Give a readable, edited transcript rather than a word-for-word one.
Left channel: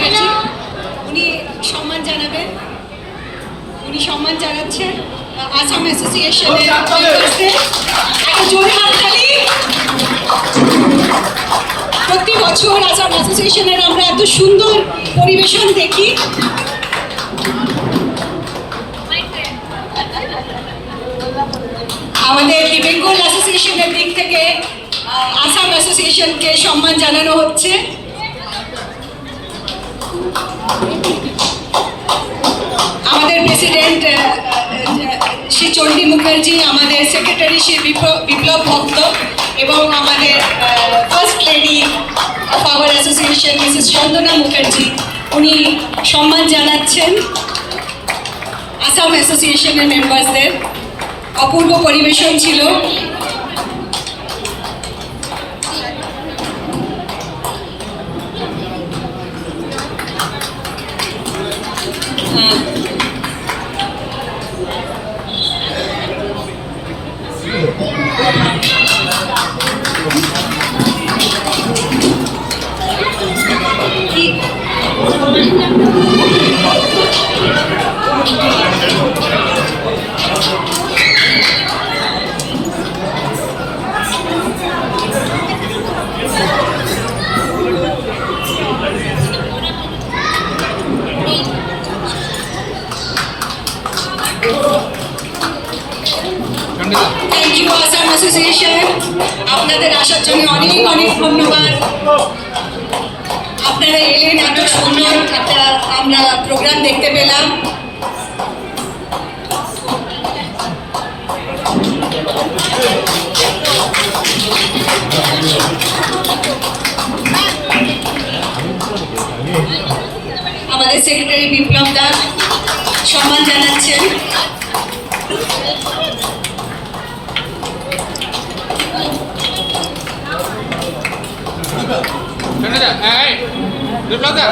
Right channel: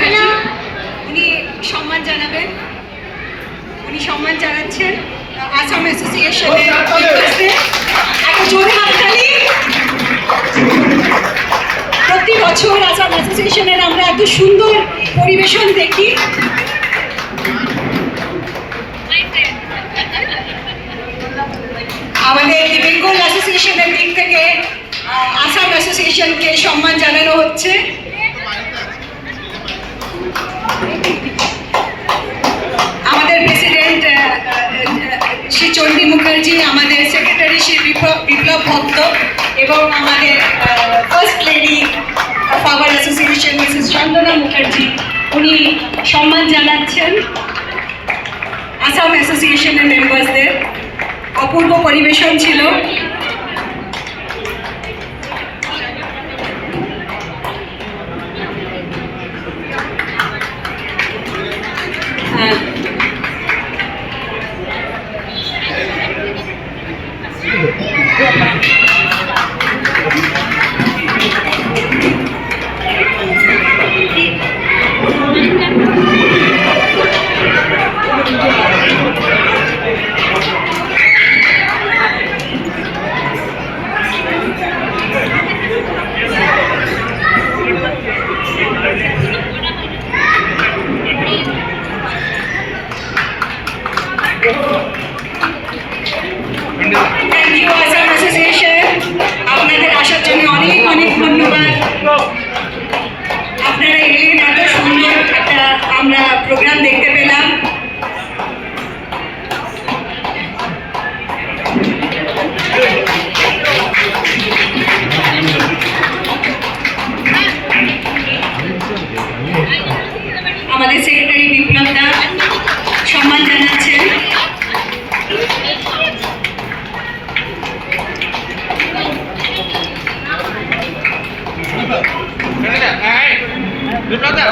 মুখার্জি উনি সম্মান জানাবেন। উনি সম্মান জানাচ্ছেন আসাম অ্যাসোসিয়েশনের জোরে হাততালি। প্রতি বছর আসাম অ্যাসোসিয়েশনের আমরা এত সুন্দর পরিবেশন দেখি। আমাদের বেঙ্গল অ্যাসোসিয়েশনের দিক থেকে আসাম অ্যাসোসিয়েশনকে সম্মান জানানো হচ্ছে। আমাদের প্রেসিডেন্ট শ্রী চণ্ডী মুখার্জি, আমাদের সেক্রেটারি শ্রী বিপ্লব ভক্ত এবং আমাদের first lady of our association Mrs Chandana Mukherjee, উনি সম্মান জানাচ্ছেন আসাম অ্যাসোসিয়েশনের মেম্বার্সদের। অপূর্ব পরিবেশন ছিল। থ্যাংক ইউ আসাম অ্যাসোসিয়েশন, আপনাদের আসার জন্য অনেক অনেক ধন্যবাদ। আপনারা এলেন, এত সুন্দর একটা আমরা প্রোগ্রাম দেখতে পেলাম। আমাদের সেক্রেটারি বিপ্লব দা সম্মান জানাচ্ছেন। বিপ্লব দা